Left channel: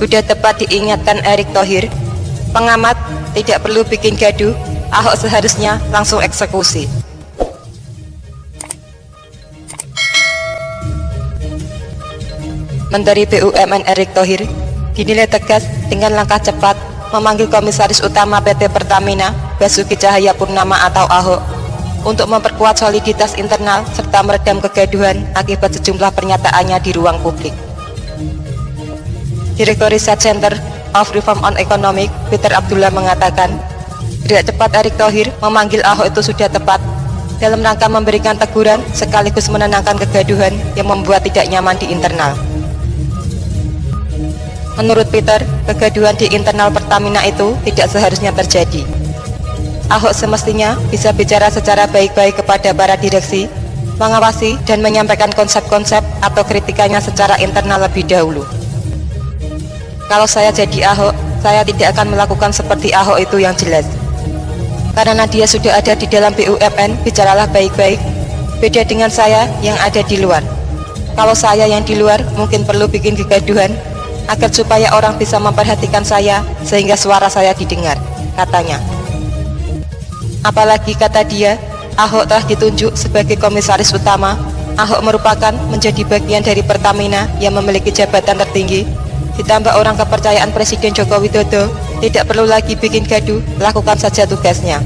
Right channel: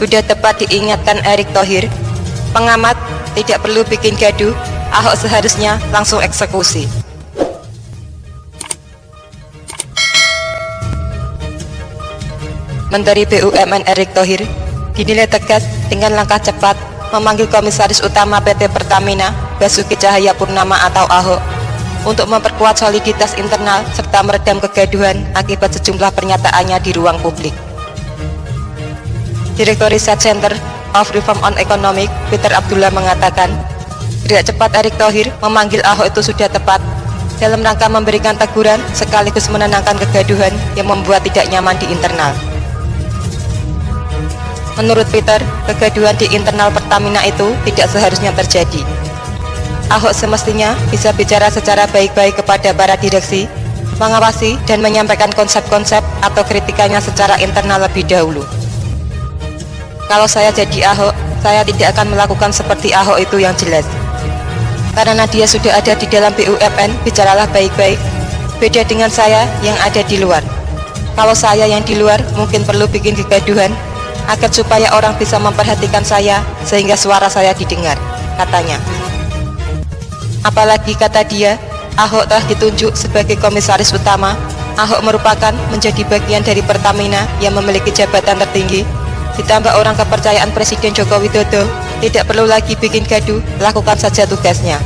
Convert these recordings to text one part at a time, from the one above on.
Sudah tepat diingatkan Erick Thohir, pengamat tidak perlu bikin gaduh, Ahok seharusnya langsung eksekusi. Menteri BUMN Erick Thohir dinilai tegas dengan langkah cepat memanggil Komisaris Utama PT Pertamina Basuki Cahayapurnama atau Ahok untuk memperkuat soliditas internal serta meredam kegaduhan akibat sejumlah pernyataannya di ruang publik. Direktur Research Center of Reform on Economic Peter Abdullah mengatakan, gerak cepat Erick Thohir memanggil Ahok itu sudah tepat dalam rangka memberikan teguran sekaligus menenangkan kegaduhan yang membuat tidak nyaman di internal. Menurut Peter, kegaduhan di internal Pertamina itu tidak seharusnya terjadi. Ahok semestinya bisa bicara secara baik-baik kepada para direksi, mengawasi dan menyampaikan konsep-konsep atau kritikannya secara internal lebih dahulu. Kalau saya jadi Ahok, saya tidak akan melakukan seperti Ahok itu yang jelas. Karena dia sudah ada di dalam BUMN, bicaralah baik-baik. Beda dengan saya yang ada di luar. Kalau saya yang di luar mungkin perlu bikin kegaduhan agar supaya orang bisa memperhatikan saya sehingga suara saya didengar, katanya. Apalagi kata dia, Ahok telah ditunjuk sebagai komisaris utama. Ahok merupakan menjadi bagian dari Pertamina yang memiliki jabatan tertinggi. Ditambah orang kepercayaan Presiden Joko Widodo, tidak perlu lagi bikin gaduh, lakukan saja tugasnya.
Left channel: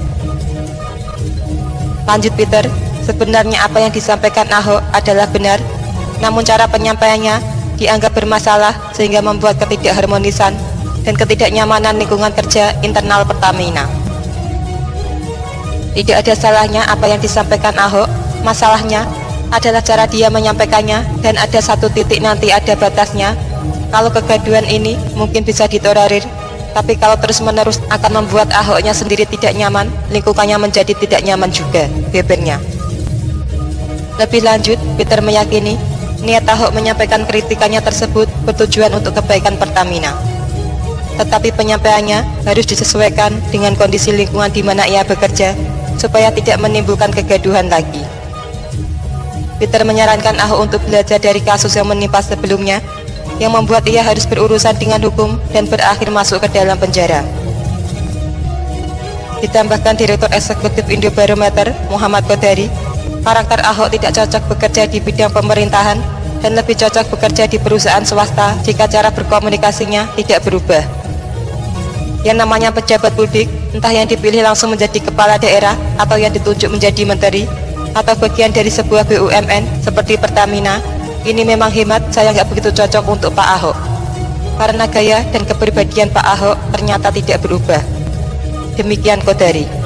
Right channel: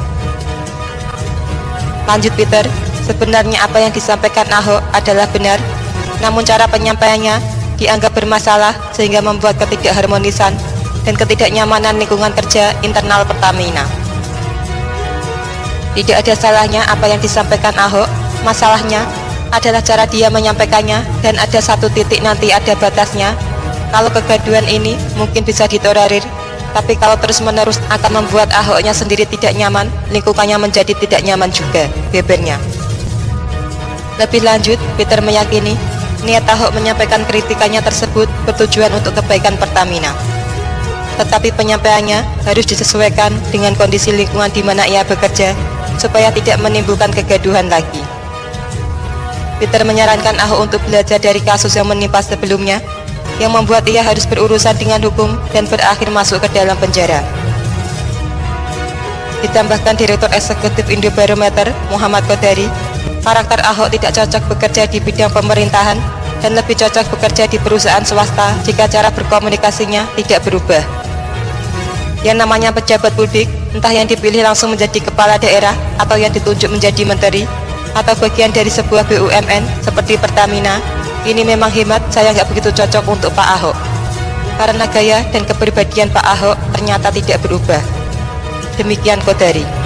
Lanjut Peter, sebenarnya apa yang disampaikan Ahok adalah benar, namun cara penyampaiannya dianggap bermasalah sehingga membuat ketidakharmonisan dan ketidaknyamanan lingkungan kerja internal Pertamina. Tidak ada salahnya apa yang disampaikan Ahok, masalahnya adalah cara dia menyampaikannya dan ada satu titik nanti ada batasnya. Kalau kegaduhan ini mungkin bisa ditolerir, tapi kalau terus-menerus akan membuat Ahoknya sendiri tidak nyaman, lingkungannya menjadi tidak nyaman juga, bebannya. Lebih lanjut, Peter meyakini niat Ahok menyampaikan kritikannya tersebut bertujuan untuk kebaikan Pertamina. Tetapi penyampaiannya harus disesuaikan dengan kondisi lingkungan di mana ia bekerja, supaya tidak menimbulkan kegaduhan lagi. Peter menyarankan Ahok untuk belajar dari kasus yang menimpa sebelumnya, yang membuat ia harus berurusan dengan hukum dan berakhir masuk ke dalam penjara. Ditambahkan Direktur Eksekutif Indobarometer Muhammad Kodari, karakter Ahok tidak cocok bekerja di bidang pemerintahan dan lebih cocok bekerja di perusahaan swasta jika cara berkomunikasinya tidak berubah. Yang namanya pejabat publik, entah yang dipilih langsung menjadi kepala daerah atau yang ditunjuk menjadi menteri atau bagian dari sebuah BUMN seperti Pertamina, ini memang hemat saya nggak begitu cocok untuk Pak Ahok. Karena gaya dan kepribadian Pak Ahok ternyata tidak berubah. Demikian Kodari.